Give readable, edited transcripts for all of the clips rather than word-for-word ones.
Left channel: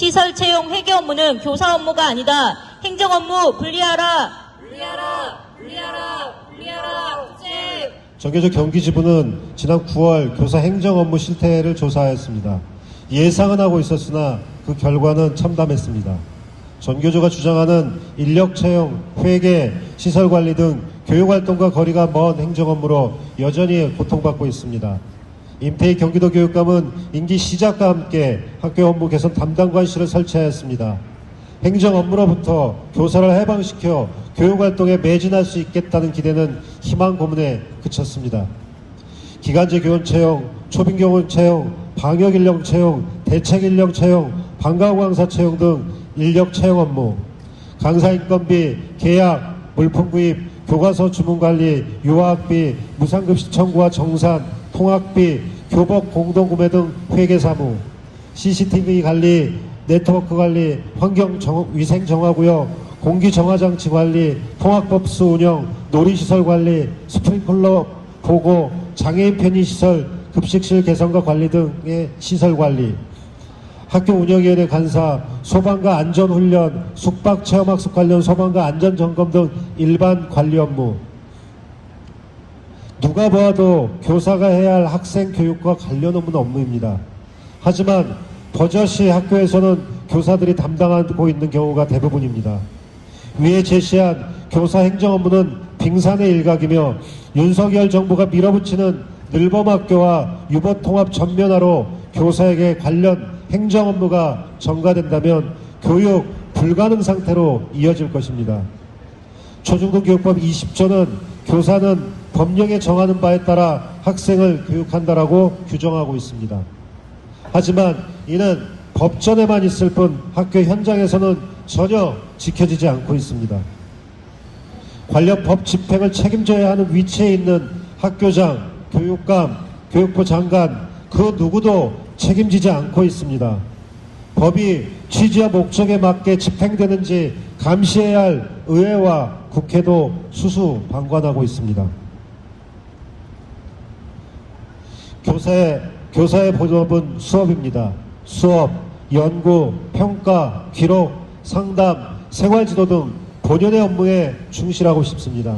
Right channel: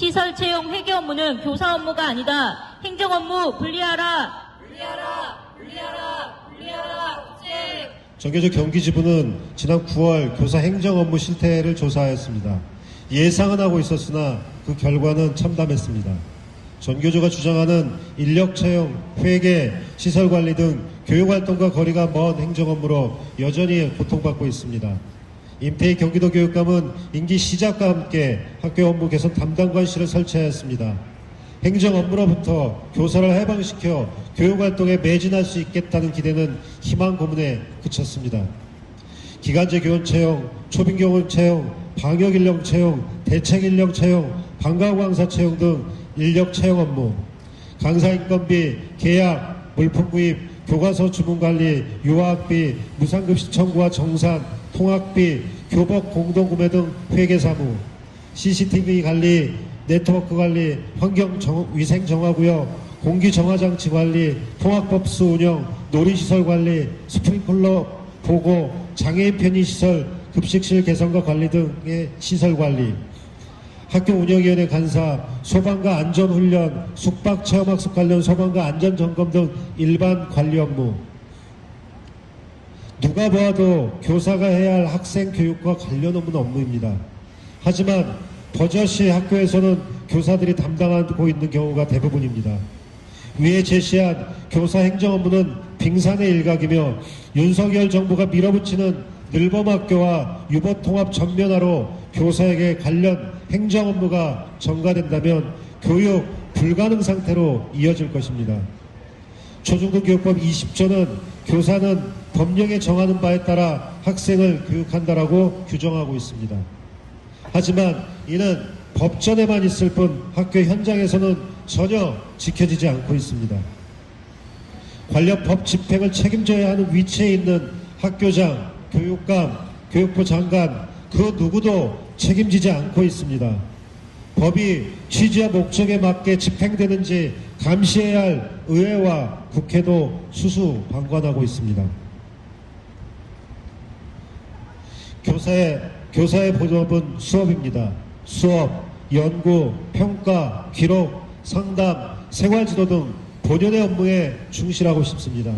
시설 채용 회계 업무는 교사 업무가 아니다. 행정 업무 분리하라. 제 정교조 경기지부는 지난 9월 교사 행정 업무 실태를 조사하였습니다. 예상은 하고 있었으나 그 결과는 참담했습니다. 전교조가 주장하는 인력 채용, 회계, 시설관리 등 교육활동과 거리가 먼 행정 업무로 여전히 고통받고 있습니다. 임태희 경기도 교육감은 임기 시작과 함께 학교 업무 개선 담당관실을 설치하였습니다. 행정 업무로부터 교사를 해방시켜 교육활동에 매진할 수 있겠다는 기대는 희망 고문에 그쳤습니다. 기간제 교원 채용, 초빙교원 채용, 방역인력 채용, 대책인력 채용, 방과후 강사 채용 등 인력 채용 업무, 강사 인건비, 계약, 물품 구입, 교과서 주문관리, 유아학비, 무상급식 청구와 정산, 통학비, 교복 공동구매 등 회계사무, CCTV 관리, 네트워크 관리, 환경위생 정화구역, 공기정화장치 관리, 통학버스 운영, 놀이시설 관리, 스프링클러 보고, 장애인 편의시설, 급식실 개선과 관리 등의 시설 관리, 학교 운영위원회 간사, 소방과 안전훈련, 숙박체험학습 관련 소방과 안전점검 등 일반 관리 업무. 누가 보아도 교사가 해야 할 학생 교육과 관련 없는 업무입니다. 하지만 버젓이 학교에서는 교사들이 담당하고 있는 경우가 대부분입니다. 위에 제시한 교사 행정 업무는 빙산의 일각이며 윤석열 정부가 밀어붙이는 늘봄학교와 유버통합 전면화로 교사에게 관련 행정 업무가 전가된다면 교육 불가능 상태로 이어질 것입니다. 초중등교육법 20조는 교사는 법령에 정하는 바에 따라 학생을 교육한다라고 규정하고 있습니다. 하지만 이는 법전에만 있을 뿐 학교 현장에서는 전혀 지켜지지 않고 있습니다. 관련 법 집행을 책임져야 하는 위치에 있는 학교장, 교육감, 교육부 장관 그 누구도 책임지지 않고 있습니다. 법이 취지와 목적에 맞게 집행되는지 감시해야 할 의회와 국회도 수수방관하고 있습니다. 교사의 본업은 수업입니다. 수업, 연구, 평가, 기록, 상담, 생활지도 등 본연의 업무에 충실하고 싶습니다.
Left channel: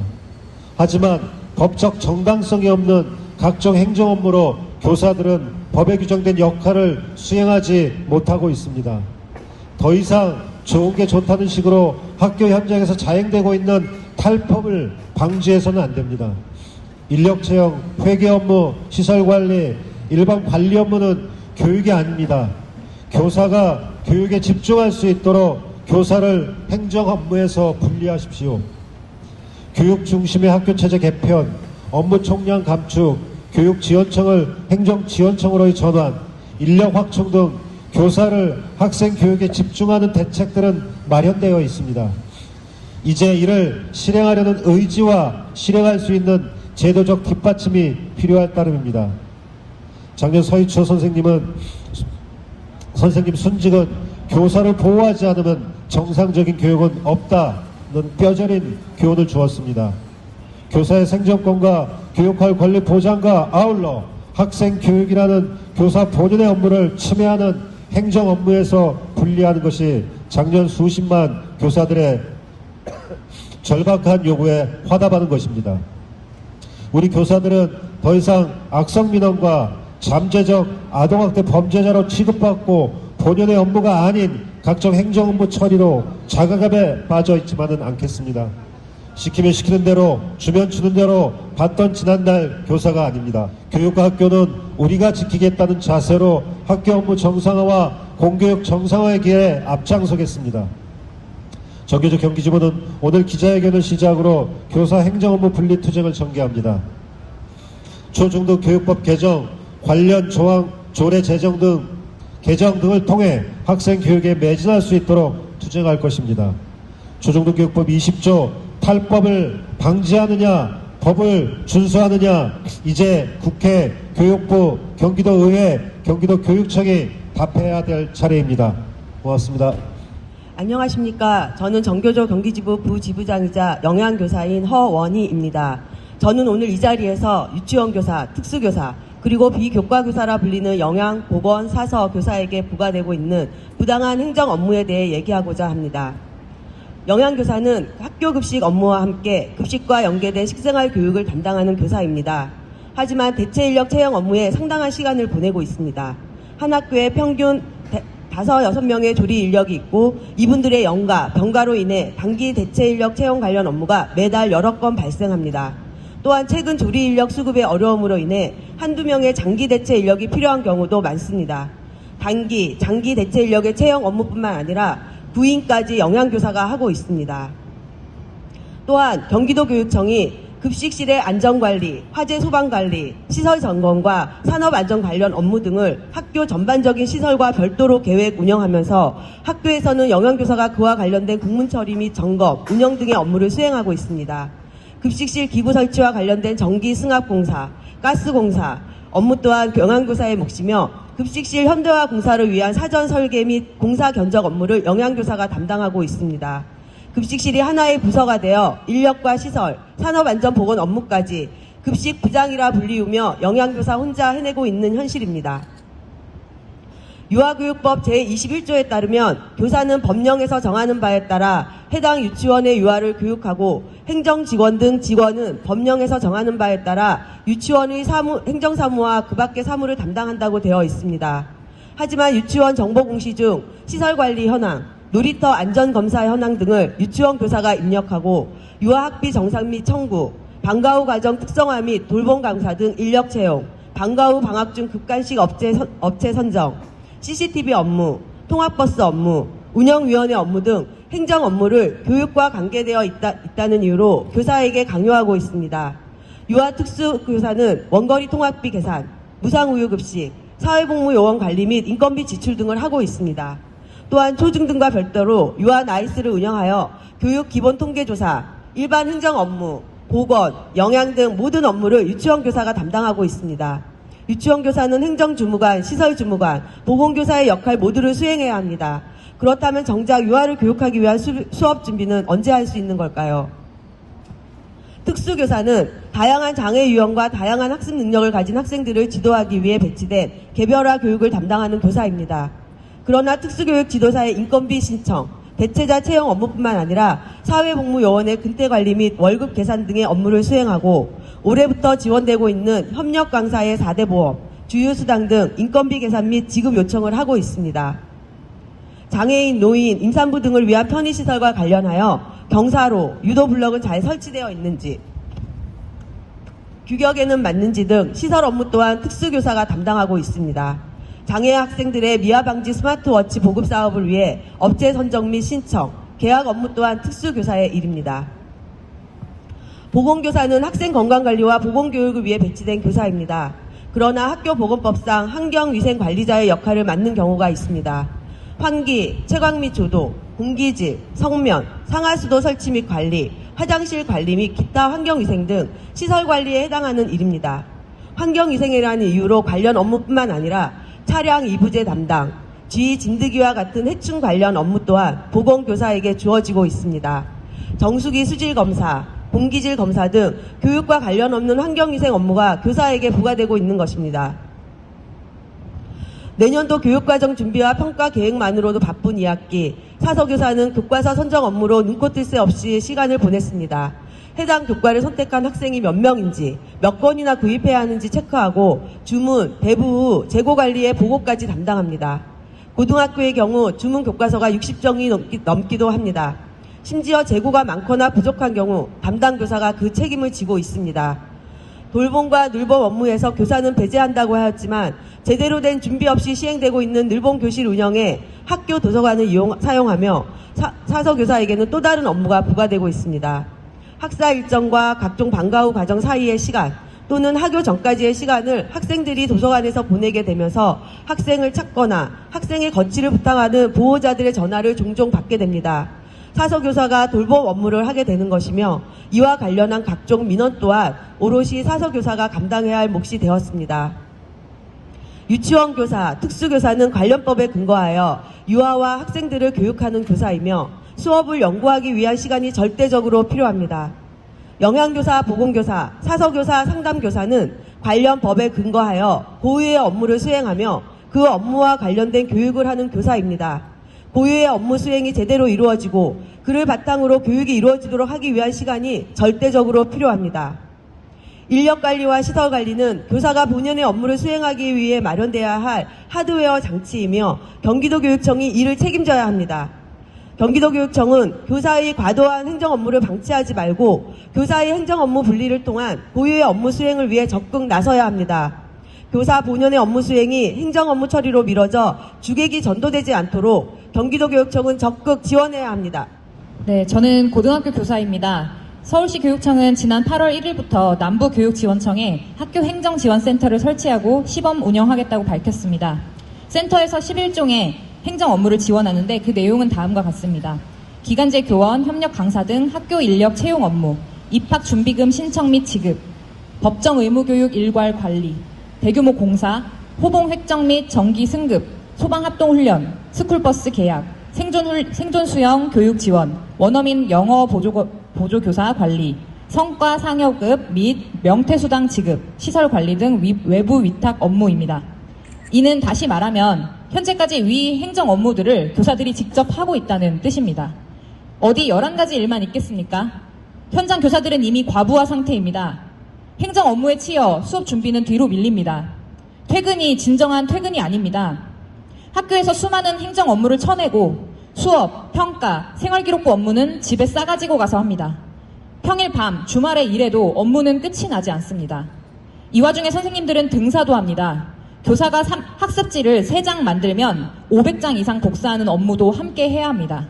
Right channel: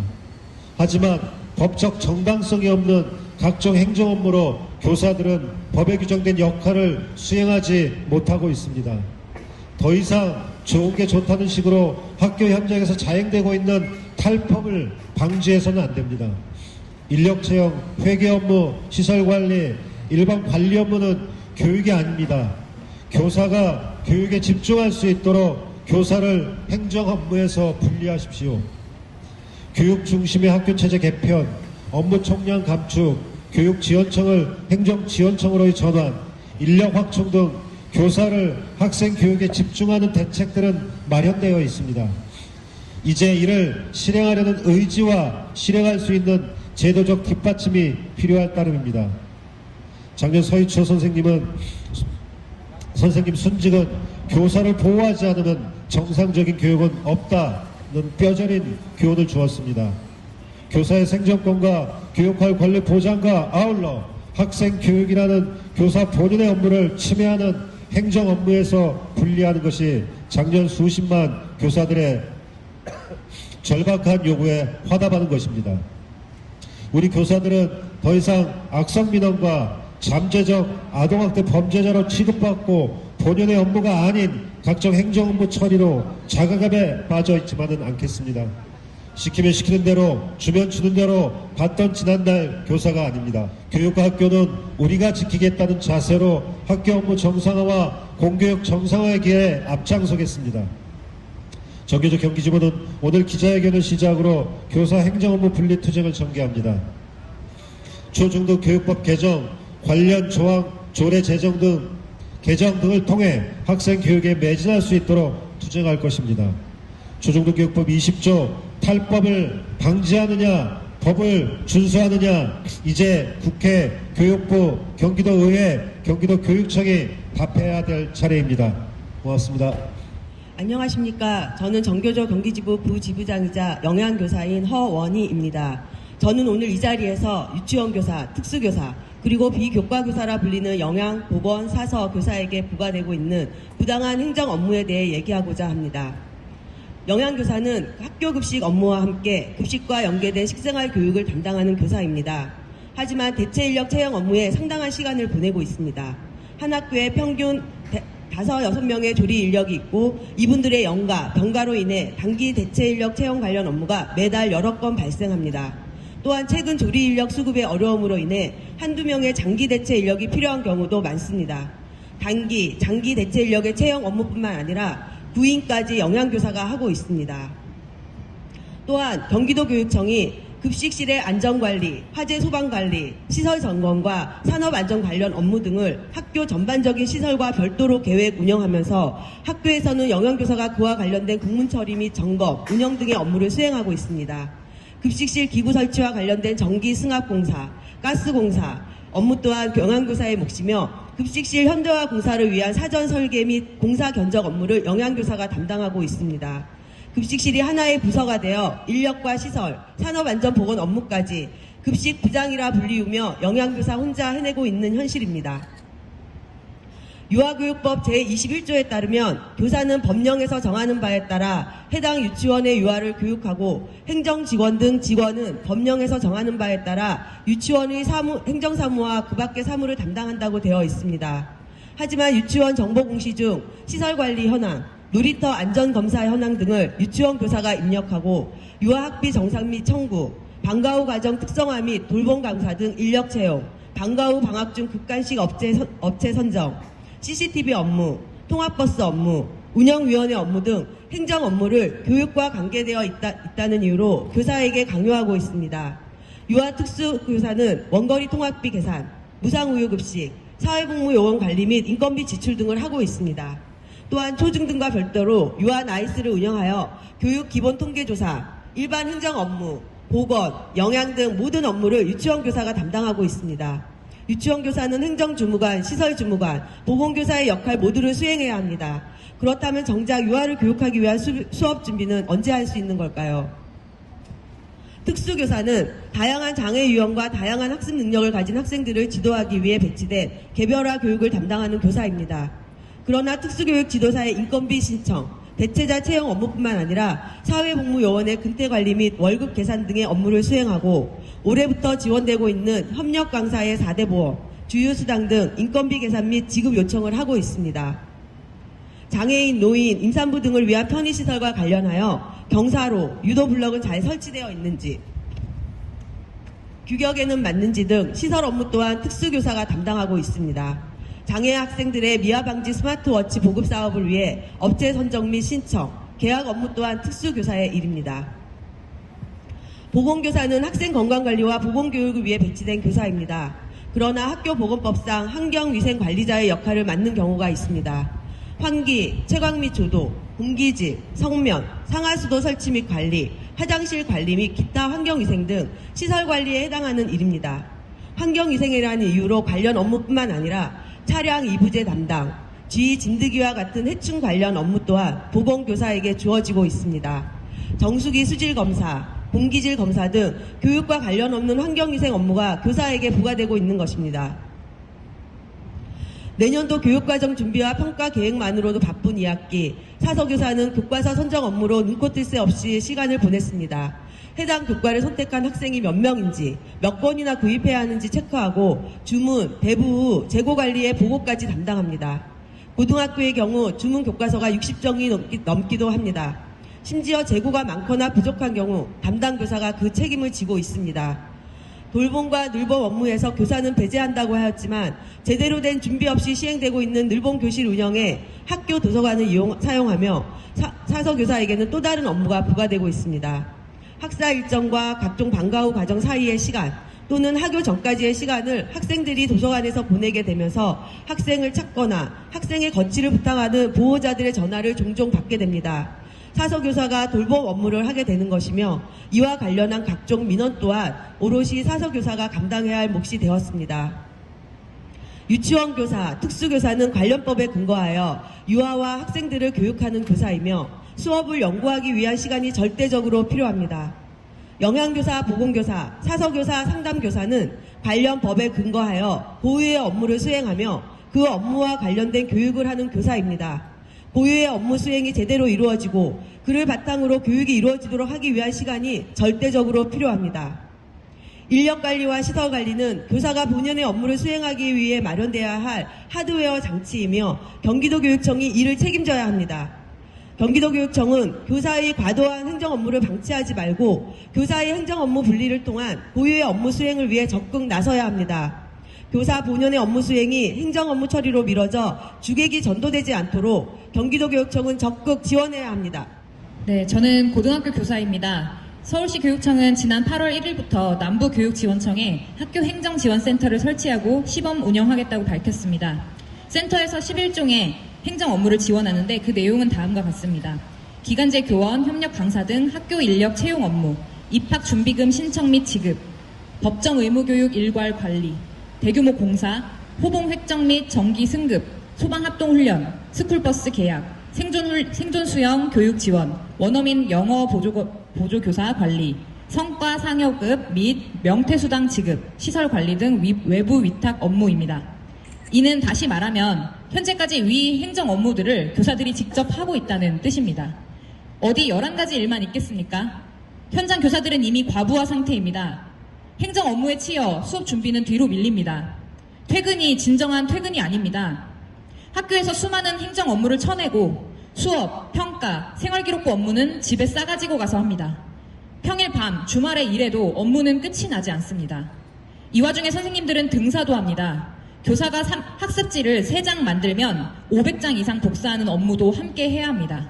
하지만 법적 정당성이 없는 각종 행정 업무로 교사들은 법에 규정된 역할을 수행하지 못하고 있습니다. 더 이상 좋은 게 좋다는 식으로 학교 현장에서 자행되고 있는 탈법을 방지해서는 안 됩니다. 인력 채용, 회계 업무, 시설 관리, 일반 관리 업무는 교육이 아닙니다. 교사가 교육에 집중할 수 있도록 교사를 행정 업무에서 분리하십시오. 교육 중심의 학교 체제 개편, 업무 총량 감축, 교육지원청을 행정지원청으로의 전환, 인력 확충 등 교사를 학생 교육에 집중하는 대책들은 마련되어 있습니다. 이제 이를 실행하려는 의지와 실행할 수 있는 제도적 뒷받침이 필요할 따름입니다. 작년 서희초 선생님 순직은 교사를 보호하지 않으면 정상적인 교육은 없다는 뼈저린 교훈을 주었습니다. 교사의 생존권과 교육할 권리 보장과 아울러 학생 교육이라는 교사 본연의 업무를 침해하는 행정 업무에서 분리하는 것이 작년 수십만 교사들의 절박한 요구에 화답하는 것입니다. 우리 교사들은 더 이상 악성민원과 잠재적 아동학대 범죄자로 취급받고 본연의 업무가 아닌 각종 행정 업무 처리로 자가갑에 빠져 있지만은 않겠습니다. 시키면 시키는 대로, 주면 주는 대로 받던 지난날 교사가 아닙니다. 교육과 학교는 우리가 지키겠다는 자세로 학교 업무 정상화와 공교육 정상화의 길에 앞장서겠습니다. 정교조 경기지부는 오늘 기자회견을 시작으로 교사 행정 업무 분리 투쟁을 전개합니다. 초중등 교육법 개정, 관련 조항, 조례 제정 등을 통해 학생 교육에 매진할 수 있도록 투쟁할 것입니다. 초중등 교육법 20조 탈법을 방지하느냐, 법을 준수하느냐, 이제 국회, 교육부, 경기도의회, 경기도교육청이 답해야 될 차례입니다. 고맙습니다. 안녕하십니까. 저는 정교조 경기지부 부지부장이자 영양교사인 허원희입니다. 저는 오늘 이 자리에서 유치원교사, 특수교사, 그리고 비교과교사라 불리는 영양, 보건, 사서 교사에게 부과되고 있는 부당한 행정 업무에 대해 얘기하고자 합니다. 영양교사는 학교 급식 업무와 함께 급식과 연계된 식생활 교육을 담당하는 교사입니다. 하지만 대체 인력 채용 업무에 상당한 시간을 보내고 있습니다. 한 학교에 평균 5-6명의 조리 인력이 있고 이분들의 연가, 병가로 인해 단기 대체 인력 채용 관련 업무가 매달 여러 건 발생합니다. 또한 최근 조리 인력 수급의 어려움으로 인해 한두 명의 장기 대체 인력이 필요한 경우도 많습니다. 단기, 장기 대체 인력의 채용 업무뿐만 아니라 구인까지 영양교사가 하고 있습니다. 또한 경기도교육청이 급식실의 안전관리, 화재 소방관리, 시설 점검과 산업안전 관련 업무 등을 학교 전반적인 시설과 별도로 계획 운영하면서 학교에서는 영양교사가 그와 관련된 국문 처리 및 점검, 운영 등의 업무를 수행하고 있습니다. 급식실 기구 설치와 관련된 전기 승합공사, 가스공사, 업무 또한 영양교사의 몫이며 급식실 현대화 공사를 위한 사전 설계 및 공사 견적 업무를 영양교사가 담당하고 있습니다. 급식실이 하나의 부서가 되어 인력과 시설, 산업안전보건 업무까지 급식 부장이라 불리우며 영양교사 혼자 해내고 있는 현실입니다. 유아교육법 제21조에 따르면 교사는 법령에서 정하는 바에 따라 해당 유치원의 유아를 교육하고 행정직원 등 직원은 법령에서 정하는 바에 따라 유치원의 행정사무와 그 밖의 사무를 담당한다고 되어 있습니다. 하지만 유치원 정보공시 중 시설관리 현황, 놀이터 안전검사 현황 등을 유치원 교사가 입력하고 유아학비 정산 및 청구, 방과 후 과정 특성화 및 돌봄 강사 등 인력 채용, 방과 후 방학 중 급간식 업체 선정, CCTV 업무, 통합버스 업무, 운영위원회 업무 등 행정 업무를 교육과 관계되어 있다는 이유로 교사에게 강요하고 있습니다. 유아특수교사는 원거리 통학비 계산, 무상우유급식, 사회복무요원 관리 및 인건비 지출 등을 하고 있습니다. 또한 초중등과 별도로 유아 나이스를 운영하여 교육 기본 통계조사, 일반 행정 업무, 보건, 영양 등 모든 업무를 유치원 교사가 담당하고 있습니다. 유치원 교사는 행정주무관, 시설주무관, 보건교사의 역할 모두를 수행해야 합니다. 그렇다면 정작 유아를 교육하기 위한 수업 준비는 언제 할 수 있는 걸까요? 특수교사는 다양한 장애 유형과 다양한 학습 능력을 가진 학생들을 지도하기 위해 배치된 개별화 교육을 담당하는 교사입니다. 그러나 특수교육 지도사의 인건비 신청, 대체자 채용 업무뿐만 아니라 사회복무요원의 근태관리 및 월급 계산 등의 업무를 수행하고 올해부터 지원되고 있는 협력 강사의 4대 보험, 주유수당 등 인건비 계산 및 지급 요청을 하고 있습니다. 장애인, 노인, 임산부 등을 위한 편의시설과 관련하여 경사로, 유도블럭은 잘 설치되어 있는지, 규격에는 맞는지 등 시설 업무 또한 특수교사가 담당하고 있습니다. 장애 학생들의 미아방지 스마트워치 보급 사업을 위해 업체 선정 및 신청, 계약 업무 또한 특수교사의 일입니다. 보건교사는 학생 건강관리와 보건교육을 위해 배치된 교사입니다. 그러나 학교보건법상 환경위생관리자의 역할을 맡는 경우가 있습니다. 환기, 채광 및 조도, 공기질, 성면, 상하수도 설치 및 관리, 화장실 관리 및 기타 환경위생 등 시설관리에 해당하는 일입니다. 환경위생이라는 이유로 관련 업무뿐만 아니라 차량 이부제 담당, 지휘 진드기와 같은 해충 관련 업무 또한 보건교사에게 주어지고 있습니다. 정수기 수질 검사, 공기질 검사 등 교육과 관련 없는 환경위생 업무가 교사에게 부과되고 있는 것입니다. 내년도 교육과정 준비와 평가 계획만으로도 바쁜 2학기, 사서교사는 교과서 선정 업무로 눈코 뜰 새 없이 시간을 보냈습니다. 해당 교과를 선택한 학생이 몇 명인지, 몇 건이나 구입해야 하는지 체크하고 주문, 배부 후 재고 관리의 보고까지 담당합니다. 고등학교의 경우 주문 교과서가 60종이 넘기도 합니다. 심지어 재고가 많거나 부족한 경우 담당 교사가 그 책임을 지고 있습니다. 돌봄과 늘봄 업무에서 교사는 배제한다고 하였지만 제대로 된 준비 없이 시행되고 있는 늘봄 교실 운영에 학교 도서관을 사용하며 사서교사에게는 또 다른 업무가 부과되고 있습니다. 학사 일정과 각종 방과 후 과정 사이의 시간 또는 학교 전까지의 시간을 학생들이 도서관에서 보내게 되면서 학생을 찾거나 학생의 거취를 부탁하는 보호자들의 전화를 종종 받게 됩니다. 사서교사가 돌봄 업무를 하게 되는 것이며 이와 관련한 각종 민원 또한 오롯이 사서교사가 감당해야 할 몫이 되었습니다. 유치원 교사, 특수교사는 관련법에 근거하여 유아와 학생들을 교육하는 교사이며 수업을 연구하기 위한 시간이 절대적으로 필요합니다. 영양교사, 보건교사, 사서교사, 상담교사는 관련 법에 근거하여 고유의 업무를 수행하며 그 업무와 관련된 교육을 하는 교사입니다. 고유의 업무 수행이 제대로 이루어지고 그를 바탕으로 교육이 이루어지도록 하기 위한 시간이 절대적으로 필요합니다. 인력관리와 시설관리는 교사가 본연의 업무를 수행하기 위해 마련돼야 할 하드웨어 장치이며 경기도교육청이 이를 책임져야 합니다. 경기도교육청은 교사의 과도한 행정 업무를 방치하지 말고 교사의 행정 업무 분리를 통한 고유의 업무 수행을 위해 적극 나서야 합니다. 교사 본연의 업무 수행이 행정 업무 처리로 미뤄져 주객이 전도되지 않도록 경기도교육청은 적극 지원해야 합니다. 네, 저는 고등학교 교사입니다. 서울시 교육청은 지난 8월 1일부터 남부교육지원청에 학교행정지원센터를 설치하고 시범 운영하겠다고 밝혔습니다. 센터에서 11종의 행정 업무를 지원하는데 그 내용은 다음과 같습니다. 기간제 교원, 협력 강사 등 학교 인력 채용 업무, 입학 준비금 신청 및 지급, 법정 의무교육 일괄 관리, 대규모 공사, 호봉 획정 및 정기 승급, 소방 합동 훈련, 스쿨버스 계약, 생존 수영 교육 지원, 원어민 영어 보조교사 관리, 성과 상여급 및 명퇴수당 지급, 시설 관리 등 외부 위탁 업무입니다. 이는 다시 말하면 현재까지 위 행정 업무들을 교사들이 직접 하고 있다는 뜻입니다. 어디 11가지 일만 있겠습니까? 현장 교사들은 이미 과부하 상태입니다. 행정 업무에 치여 수업 준비는 뒤로 밀립니다. 퇴근이 진정한 퇴근이 아닙니다. 학교에서 수많은 행정 업무를 쳐내고 수업, 평가, 생활기록부 업무는 집에 싸가지고 가서 합니다. 평일 밤, 주말에 일해도 업무는 끝이 나지 않습니다. 이 와중에 선생님들은 등사도 합니다. 교사가 학습지를 3장 만들면 500장 이상 복사하는 업무도 함께 해야 합니다.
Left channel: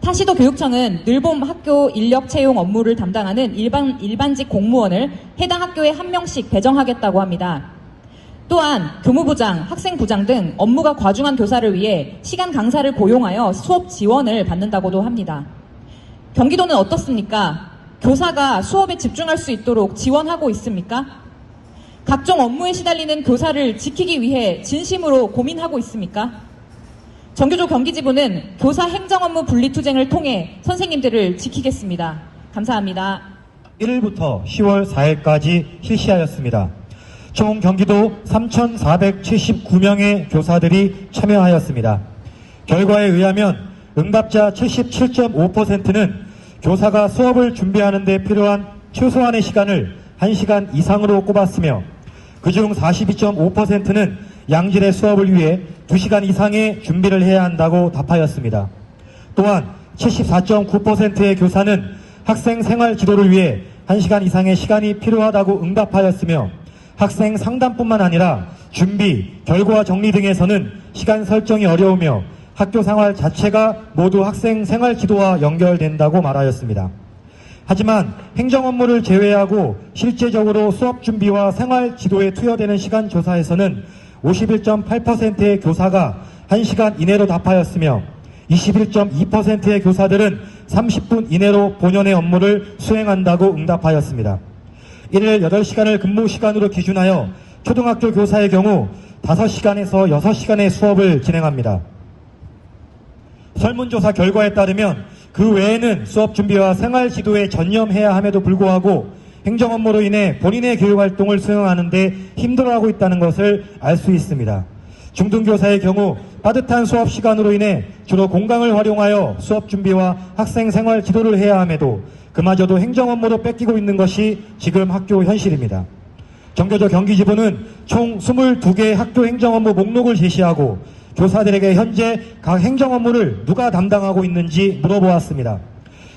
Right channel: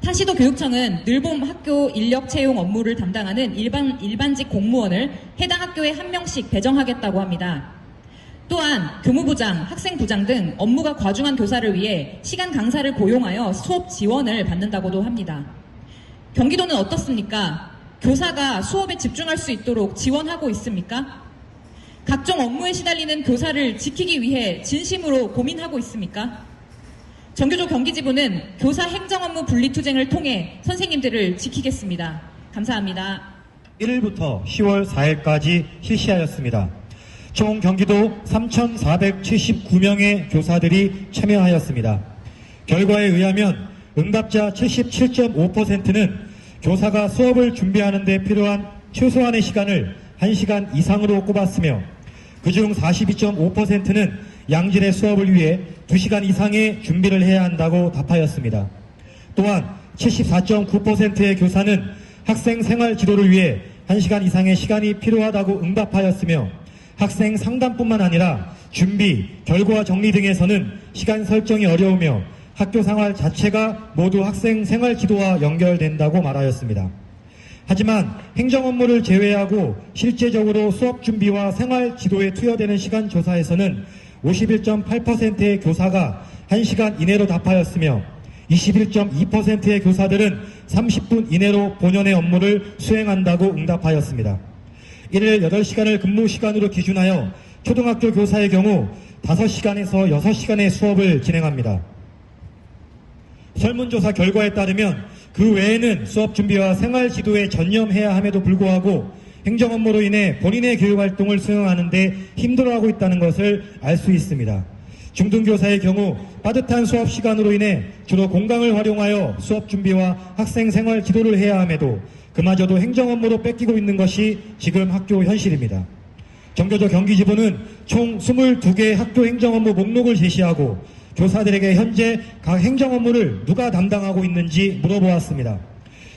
타시도 교육청은 늘봄 학교 인력 채용 업무를 담당하는 일반직 공무원을 해당 학교에 1명씩 배정하겠다고 합니다. 또한 교무부장, 학생부장 등 업무가 과중한 교사를 위해 시간 강사를 고용하여 수업 지원을 받는다고도 합니다. 경기도는 어떻습니까? 교사가 수업에 집중할 수 있도록 지원하고 있습니까? 각종 업무에 시달리는 교사를 지키기 위해 진심으로 고민하고 있습니까? 정교조 경기지부는 교사 행정 업무 분리투쟁을 통해 선생님들을 지키겠습니다. 감사합니다. 1일부터 10월 4일까지 실시하였습니다. 총 경기도 3,479명의 교사들이 참여하였습니다. 결과에 의하면 응답자 77.5%는 교사가 수업을 준비하는 데 필요한 최소한의 시간을 1시간 이상으로 꼽았으며 그중 42.5%는 양질의 수업을 위해 2시간 이상의 준비를 해야 한다고 답하였습니다. 또한 74.9%의 교사는 학생 생활 지도를 위해 1시간 이상의 시간이 필요하다고 응답하였으며 학생 상담뿐만 아니라 준비, 결과 정리 등에서는 시간 설정이 어려우며 학교 생활 자체가 모두 학생 생활 지도와 연결된다고 말하였습니다. 하지만 행정 업무를 제외하고 실제적으로 수업 준비와 생활 지도에 투여되는 시간 조사에서는 51.8%의 교사가 1시간 이내로 답하였으며 21.2%의 교사들은 30분 이내로 본연의 업무를 수행한다고 응답하였습니다. 이를 8시간을 근무 시간으로 기준하여 초등학교 교사의 경우 5시간에서 6시간의 수업을 진행합니다. 설문조사 결과에 따르면 그 외에는 수업 준비와 생활 지도에 전념해야 함에도 불구하고 행정 업무로 인해 본인의 교육활동을 수행하는 데 힘들어하고 있다는 것을 알 수 있습니다. 중등교사의 경우 빠듯한 수업 시간으로 인해 주로 공강을 활용하여 수업 준비와 학생 생활 지도를 해야 함에도 그마저도 행정 업무로 뺏기고 있는 것이 지금 학교 현실입니다. 정교조 경기지부는 총 22개 학교 행정 업무 목록을 제시하고 교사들에게 현재 각 행정 업무를 누가 담당하고 있는지 물어보았습니다.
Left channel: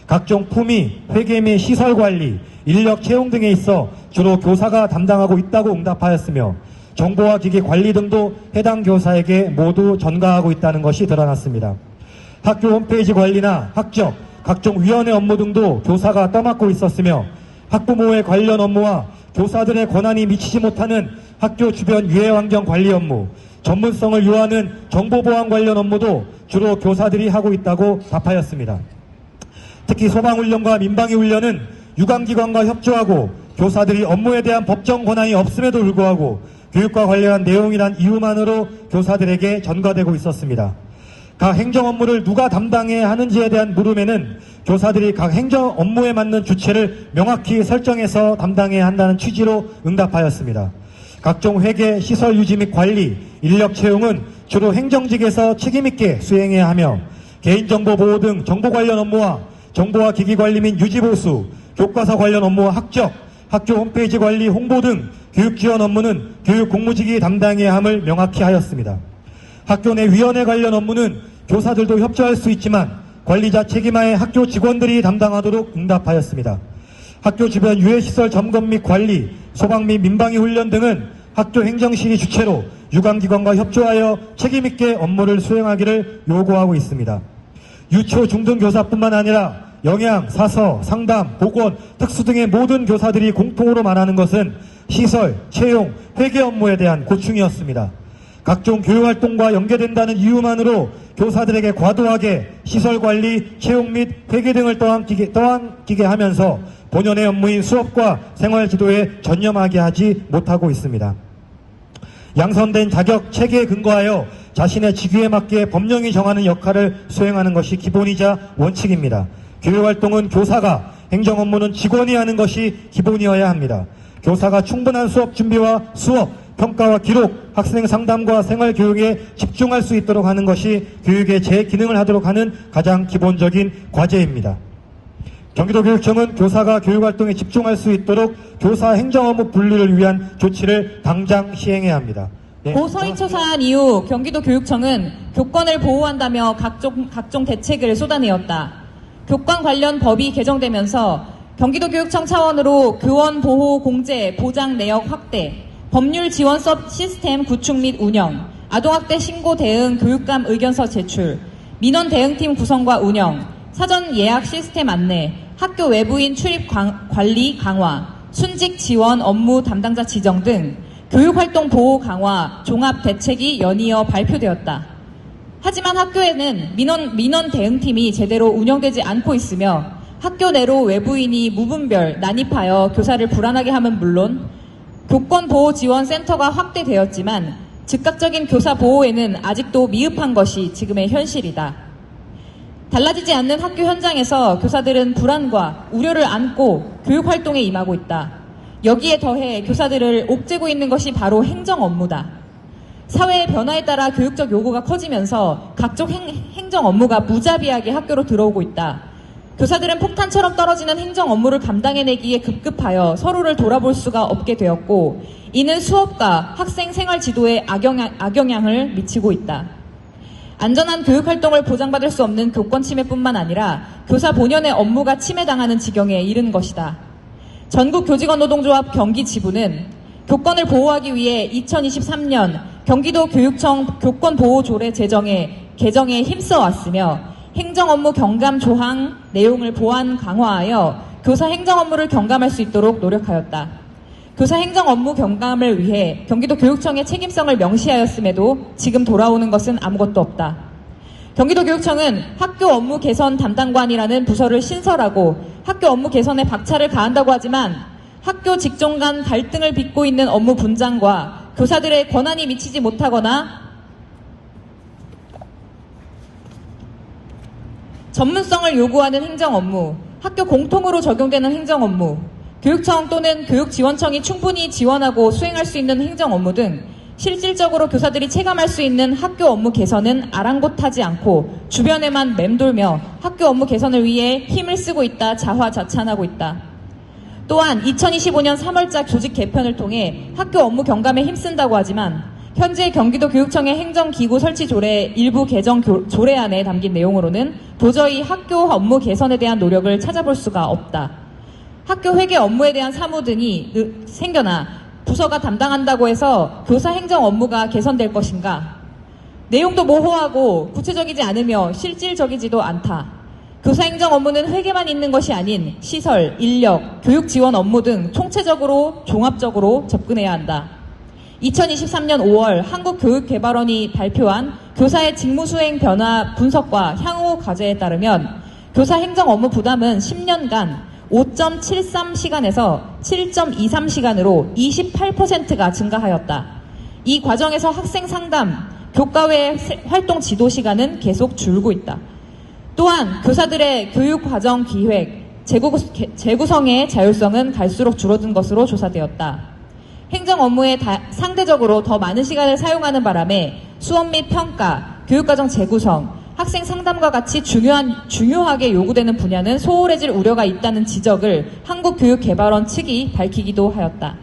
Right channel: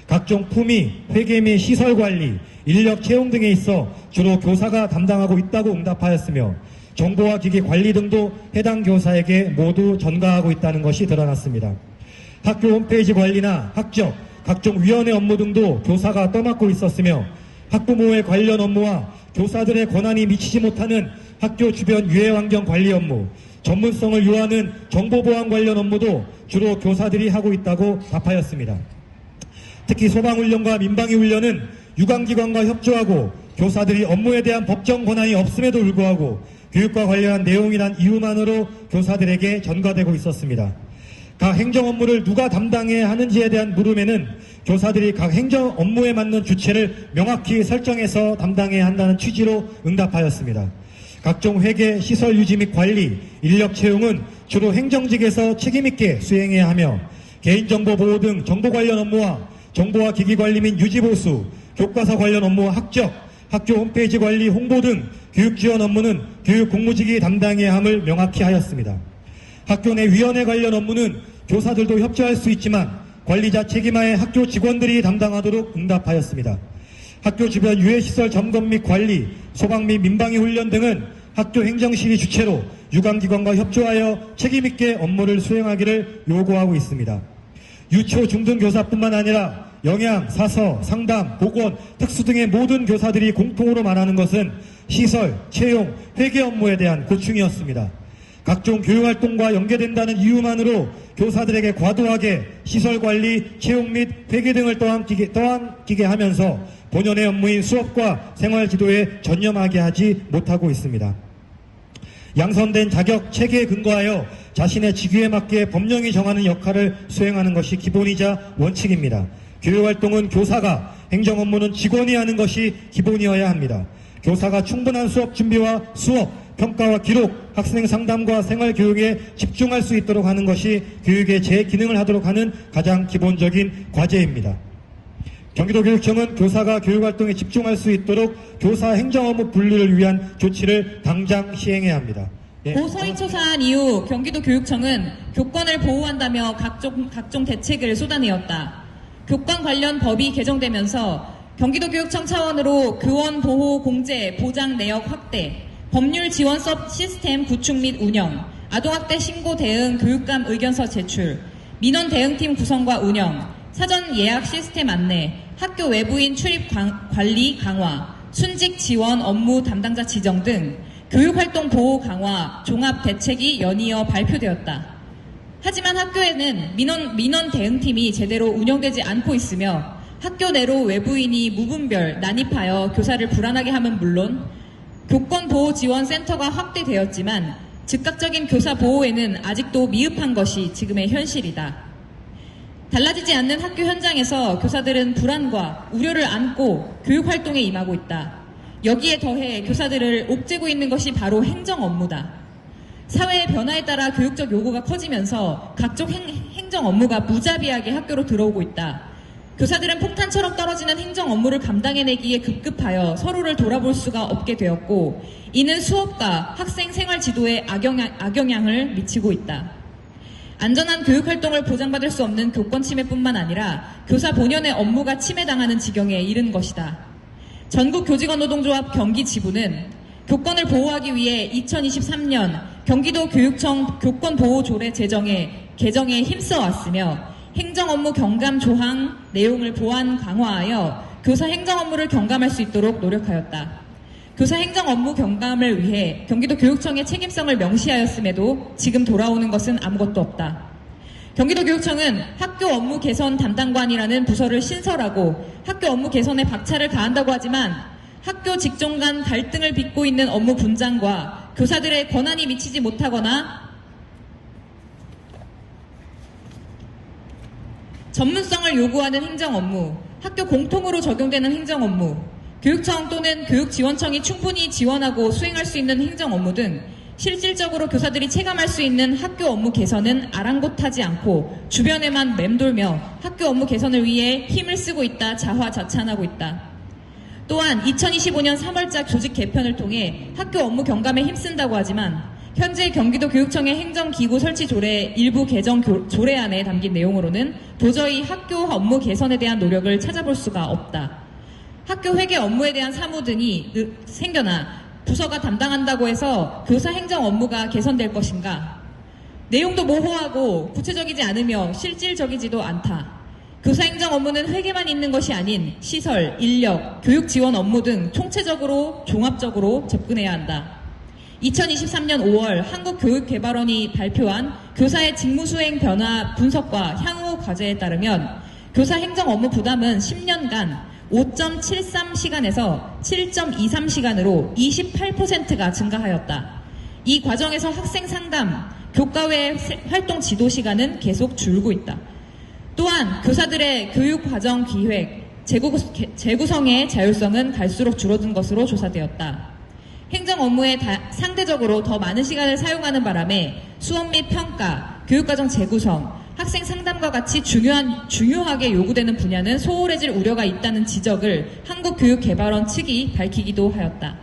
각종 품위, 회계 및 시설 관리, 인력 채용 등에 있어 주로 교사가 담당하고 있다고 응답하였으며 정보와 기기 관리 등도 해당 교사에게 모두 전가하고 있다는 것이 드러났습니다. 학교 홈페이지 관리나 학적, 각종 위원회 업무 등도 교사가 떠맡고 있었으며 학부모의 관련 업무와 교사들의 권한이 미치지 못하는 학교 주변 유해 환경 관리 업무, 전문성을 요하는 정보보안 관련 업무도 주로 교사들이 하고 있다고 답하였습니다. 특히 소방훈련과 민방위 훈련은 유관기관과 협조하고 교사들이 업무에 대한 법정 권한이 없음에도 불구하고 교육과 관련한 내용이란 이유만으로 교사들에게 전가되고 있었습니다. 각 행정 업무를 누가 담당해야 하는지에 대한 물음에는 교사들이 각 행정 업무에 맞는 주체를 명확히 설정해서 담당해야 한다는 취지로 응답하였습니다. 각종 회계, 시설 유지 및 관리, 인력 채용은 주로 행정직에서 책임있게 수행해야 하며 개인정보 보호 등 정보 관련 업무와 정보와 기기 관리 및 유지 보수, 교과서 관련 업무와 학적, 학교 홈페이지 관리, 홍보 등 교육 지원 업무는 교육 공무직이 담당해야 함을 명확히 하였습니다. 학교 내 위원회 관련 업무는 교사들도 협조할 수 있지만 관리자 책임하에 학교 직원들이 담당하도록 응답하였습니다. 학교 주변 유해시설 점검 및 관리, 소방 및 민방위 훈련 등은 학교 행정실이 주체로 유관기관과 협조하여 책임있게 업무를 수행하기를 요구하고 있습니다. 유초, 중등교사뿐만 아니라 영양, 사서, 상담, 보건, 특수 등의 모든 교사들이 공통으로 말하는 것은 시설, 채용, 회계 업무에 대한 고충이었습니다. 각종 교육활동과 연계된다는 이유만으로 교사들에게 과도하게 시설관리, 채용 및 회계 등을 떠안기게 하면서 본연의 업무인 수업과 생활지도에 전념하게 하지 못하고 있습니다. 양선된 자격, 체계에 근거하여 자신의 직위에 맞게 법령이 정하는 역할을 수행하는 것이 기본이자 원칙입니다. 교육활동은 교사가, 행정 업무는 직원이 하는 것이 기본이어야 합니다. 교사가 충분한 수업 준비와 수업, 평가와 기록, 학생 상담과 생활교육에 집중할 수 있도록 하는 것이 교육의 제 기능을 하도록 하는 가장 기본적인 과제입니다. 경기도교육청은 교사가 교육활동에 집중할 수 있도록 교사 행정업무 분리를 위한 조치를 당장 시행해야 합니다. 고서희 초사한 이후 경기도교육청은 교권을 보호한다며 각종 대책을 쏟아내었다. 교권 관련 법이 개정되면서 경기도교육청 차원으로 교원 보호 공제 보장 내역 확대, 법률 지원서 시스템 구축 및 운영, 아동학대 신고 대응 교육감 의견서 제출, 민원 대응팀 구성과 운영, 사전 예약 시스템 안내, 학교 외부인 출입 관리 강화, 순직 지원 업무 담당자 지정 등 교육활동 보호 강화 종합 대책이 연이어 발표되었다. 하지만 학교에는 민원 대응팀이 제대로 운영되지 않고 있으며 학교 내로 외부인이 무분별 난입하여 교사를 불안하게 함은 물론 교권보호지원센터가 확대되었지만 즉각적인 교사 보호에는 아직도 미흡한 것이 지금의 현실이다. 달라지지 않는 학교 현장에서 교사들은 불안과 우려를 안고 교육활동에 임하고 있다. 여기에 더해 교사들을 옥죄고 있는 것이 바로 행정 업무다. 사회의 변화에 따라 교육적 요구가 커지면서 각종 행정 업무가 무자비하게 학교로 들어오고 있다. 교사들은 폭탄처럼 떨어지는 행정 업무를 감당해내기에 급급하여 서로를 돌아볼 수가 없게 되었고 이는 수업과 학생 생활 지도에 악영향을 미치고 있다. 안전한 교육활동을 보장받을 수 없는 교권 침해뿐만 아니라 교사 본연의 업무가 침해당하는 지경에 이른 것이다. 전국교직원노동조합 경기지부는 교권을 보호하기 위해 2023년 경기도교육청 교권보호조례 개정에 힘써왔으며 행정업무 경감 조항 내용을 보완 강화하여 교사 행정업무를 경감할 수 있도록 노력하였다. 교사 행정업무 경감을 위해 경기도교육청의 책임성을 명시하였음에도 지금 돌아오는 것은 아무것도 없다. 경기도교육청은 학교 업무 개선 담당관이라는 부서를 신설하고 학교 업무 개선에 박차를 가한다고 하지만 학교 직종 간 갈등을 빚고 있는 업무 분장과 교사들의 권한이 미치지 못하거나 전문성을 요구하는 행정 업무, 학교 공통으로 적용되는 행정 업무, 교육청 또는 교육지원청이 충분히 지원하고 수행할 수 있는 행정 업무 등 실질적으로 교사들이 체감할 수 있는 학교 업무 개선은 아랑곳하지 않고 주변에만 맴돌며 학교 업무 개선을 위해 힘을 쓰고 있다 자화자찬하고 있다. 또한 2025년 3월작 조직 개편을 통해 학교 업무 경감에 힘쓴다고 하지만 현재 경기도교육청의 행정기구 설치 조례 일부 개정 조례안에 담긴 내용으로는 도저히 학교 업무 개선에 대한 노력을 찾아볼 수가 없다. 학교 회계 업무에 대한 사무 등이 생겨나 부서가 담당한다고 해서 교사 행정 업무가 개선될 것인가? 내용도 모호하고 구체적이지 않으며 실질적이지도 않다. 교사 행정 업무는 회계만 있는 것이 아닌 시설, 인력, 교육 지원 업무 등 총체적으로 종합적으로 접근해야 한다. 2023년 5월 한국교육개발원이 발표한 교사의 직무수행 변화 분석과 향후 과제에 따르면 교사 행정 업무 부담은 10년간 5.73시간에서 7.23시간으로 28%가 증가하였다. 이 과정에서 학생 상담, 교과 외 활동 지도 시간은 계속 줄고 있다. 또한 교사들의 교육 과정 기획, 재구성의 자율성은 갈수록 줄어든 것으로 조사되었다. 행정 업무에 상대적으로 더 많은 시간을 사용하는 바람에 수업 및 평가, 교육과정 재구성, 학생 상담과 같이 중요하게 요구되는 분야는 소홀해질 우려가 있다는 지적을 한국교육개발원 측이 밝히기도 하였다.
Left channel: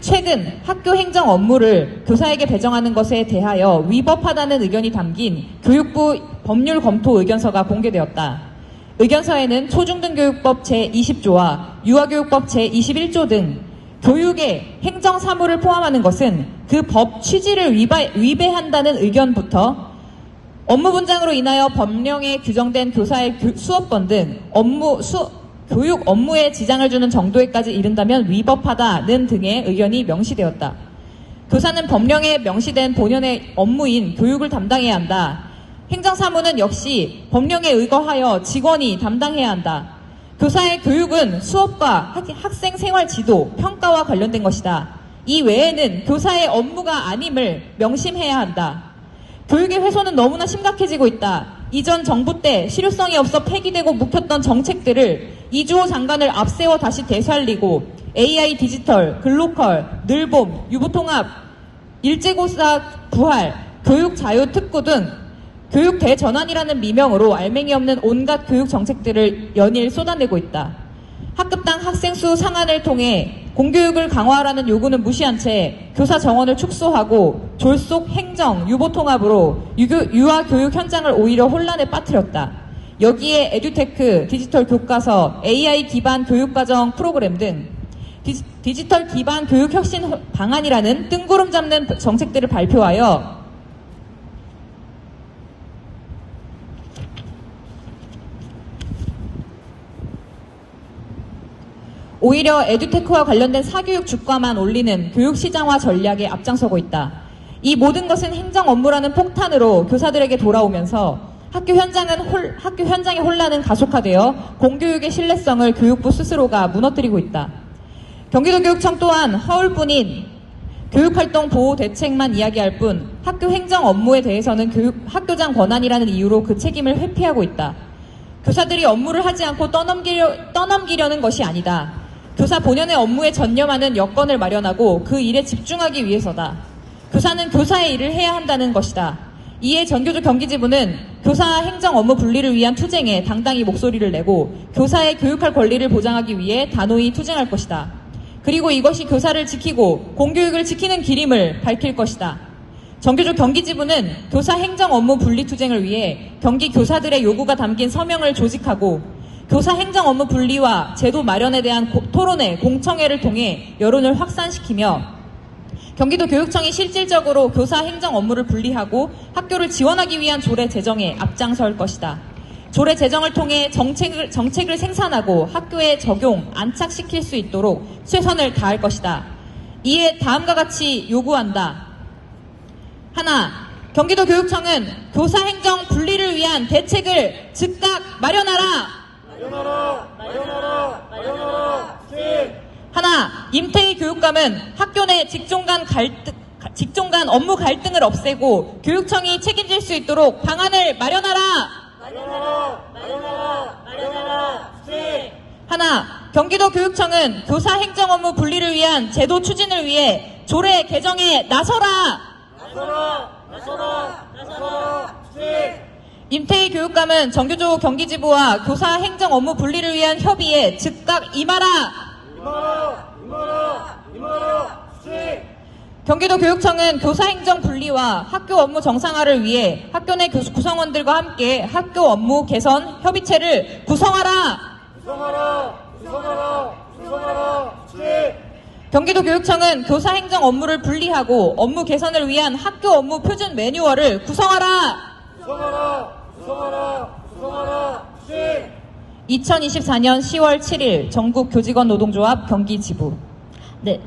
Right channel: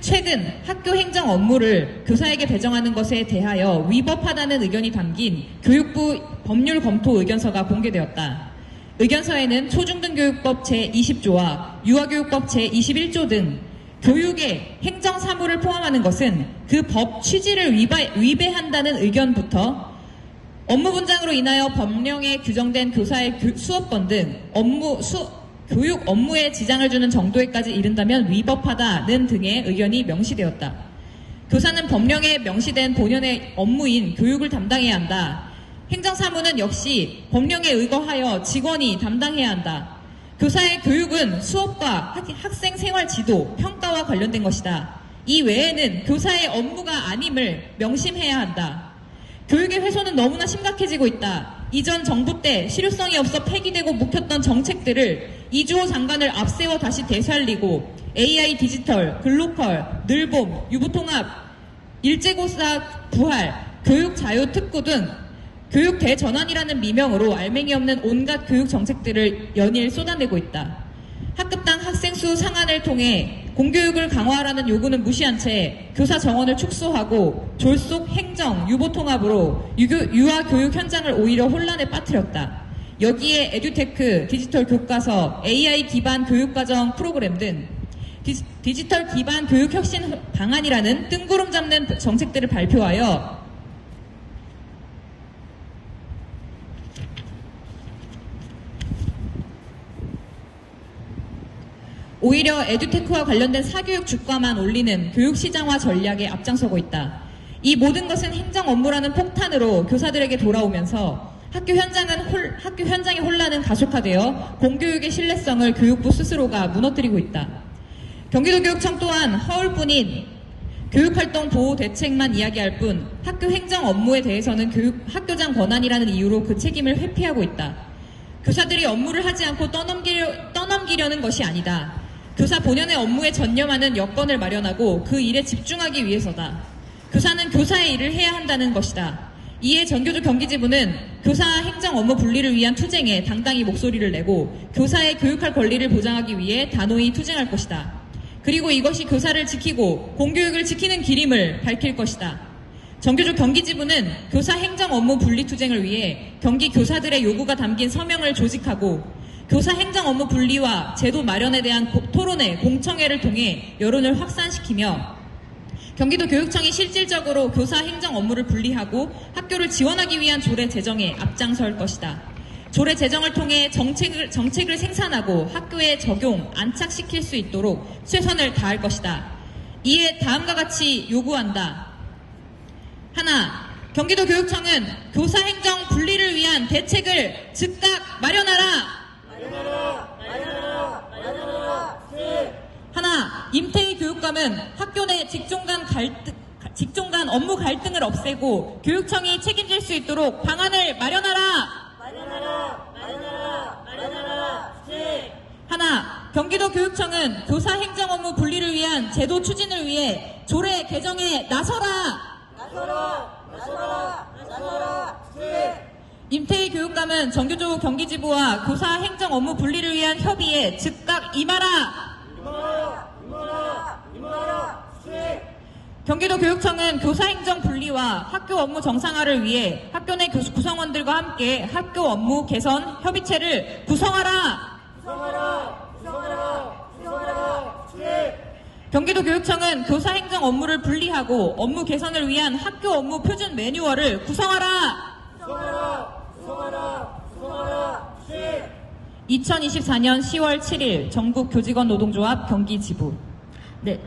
최근 학교 행정 업무를 교사에게 배정하는 것에 대하여 위법하다는 의견이 담긴 교육부 법률 검토 의견서가 공개되었다. 의견서에는 초중등교육법 제20조와 유아교육법 제21조 등 교육의 행정 사무를 포함하는 것은 그 법 취지를 위배한다는 의견부터 업무 분장으로 인하여 법령에 규정된 교사의 수업권 등 교육 업무에 지장을 주는 정도에까지 이른다면 위법하다는 등의 의견이 명시되었다. 교사는 법령에 명시된 본연의 업무인 교육을 담당해야 한다. 행정사무는 역시 법령에 의거하여 직원이 담당해야 한다. 교사의 교육은 수업과 학생 생활 지도, 평가와 관련된 것이다. 이 외에는 교사의 업무가 아님을 명심해야 한다. 교육의 훼손은 너무나 심각해지고 있다. 이전 정부 때 실효성이 없어 폐기되고 묵혔던 정책들을 이주호 장관을 앞세워 다시 되살리고 AI 디지털, 글로컬, 늘봄, 유보통합, 일제고사 부활, 교육 자유 특구 등 교육 대전환이라는 미명으로 알맹이 없는 온갖 교육 정책들을 연일 쏟아내고 있다. 학급당 학생 수 상한을 통해 공교육을 강화하라는 요구는 무시한 채 교사 정원을 축소하고 졸속 행정, 유보통합으로 유아 교육 현장을 오히려 혼란에 빠뜨렸다. 여기에 에듀테크, 디지털 교과서, AI 기반 교육과정 프로그램 등 디지털 기반 교육 혁신 방안이라는 뜬구름 잡는 정책들을 발표하여 오히려 에듀테크와 관련된 사교육 주가만 올리는 교육 시장화 전략에 앞장서고 있다. 이 모든 것은 행정 업무라는 폭탄으로 교사들에게 돌아오면서 학교 현장의 혼란은 가속화되어 공교육의 신뢰성을 교육부 스스로가 무너뜨리고 있다. 경기도교육청 또한 허울뿐인 교육활동 보호 대책만 이야기할 뿐 학교 행정 업무에 대해서는 학교장 권한이라는 이유로 그 책임을 회피하고 있다. 교사들이 업무를 하지 않고 떠넘기려는 것이 아니다. 교사 본연의 업무에 전념하는 여건을 마련하고 그 일에 집중하기 위해서다. 교사는 교사의 일을 해야 한다는 것이다. 이에 전교조 경기지부는 교사 행정 업무 분리를 위한 투쟁에 당당히 목소리를 내고 교사의 교육할 권리를 보장하기 위해 단호히 투쟁할 것이다. 그리고 이것이 교사를 지키고 공교육을 지키는 길임을 밝힐 것이다. 전교조 경기지부는 교사 행정 업무 분리 투쟁을 위해 경기 교사들의 요구가 담긴 서명을 조직하고 교사 행정 업무 분리와 제도 마련에 대한 토론회, 공청회를 통해 여론을 확산시키며 경기도 교육청이 실질적으로 교사 행정 업무를 분리하고 학교를 지원하기 위한 조례 제정에 앞장설 것이다. 조례 제정을 통해 정책을 생산하고 학교에 적용, 안착시킬 수 있도록 최선을 다할 것이다. 이에 다음과 같이 요구한다. 하나, 경기도 교육청은 교사 행정 분리를 위한 대책을 즉각 마련하라. 하나, 임태희 교육감은 학교 내 직종 간 업무 갈등을 없애고 교육청이 책임질 수 있도록 방안을 마련하라. 하나, 경기도 교육청은 교사 행정 업무 분리를 위한 제도 추진을 위해 조례 개정에 나서라. 임태희 교육감은 전교조 경기지부와 교사 행정 업무 분리를 위한 협의에 즉각 임하라. 경기도 교육청은 교사 행정 분리와 학교 업무 정상화를 위해 학교 내 구성원들과 함께 학교 업무 개선 협의체를 구성하라. 경기도 교육청은 교사 행정 업무를 분리하고 업무 개선을 위한 학교 업무 표준 매뉴얼을 구성하라. 2024년 10월 7일 전국교직원 노동조합 경기지부. 네.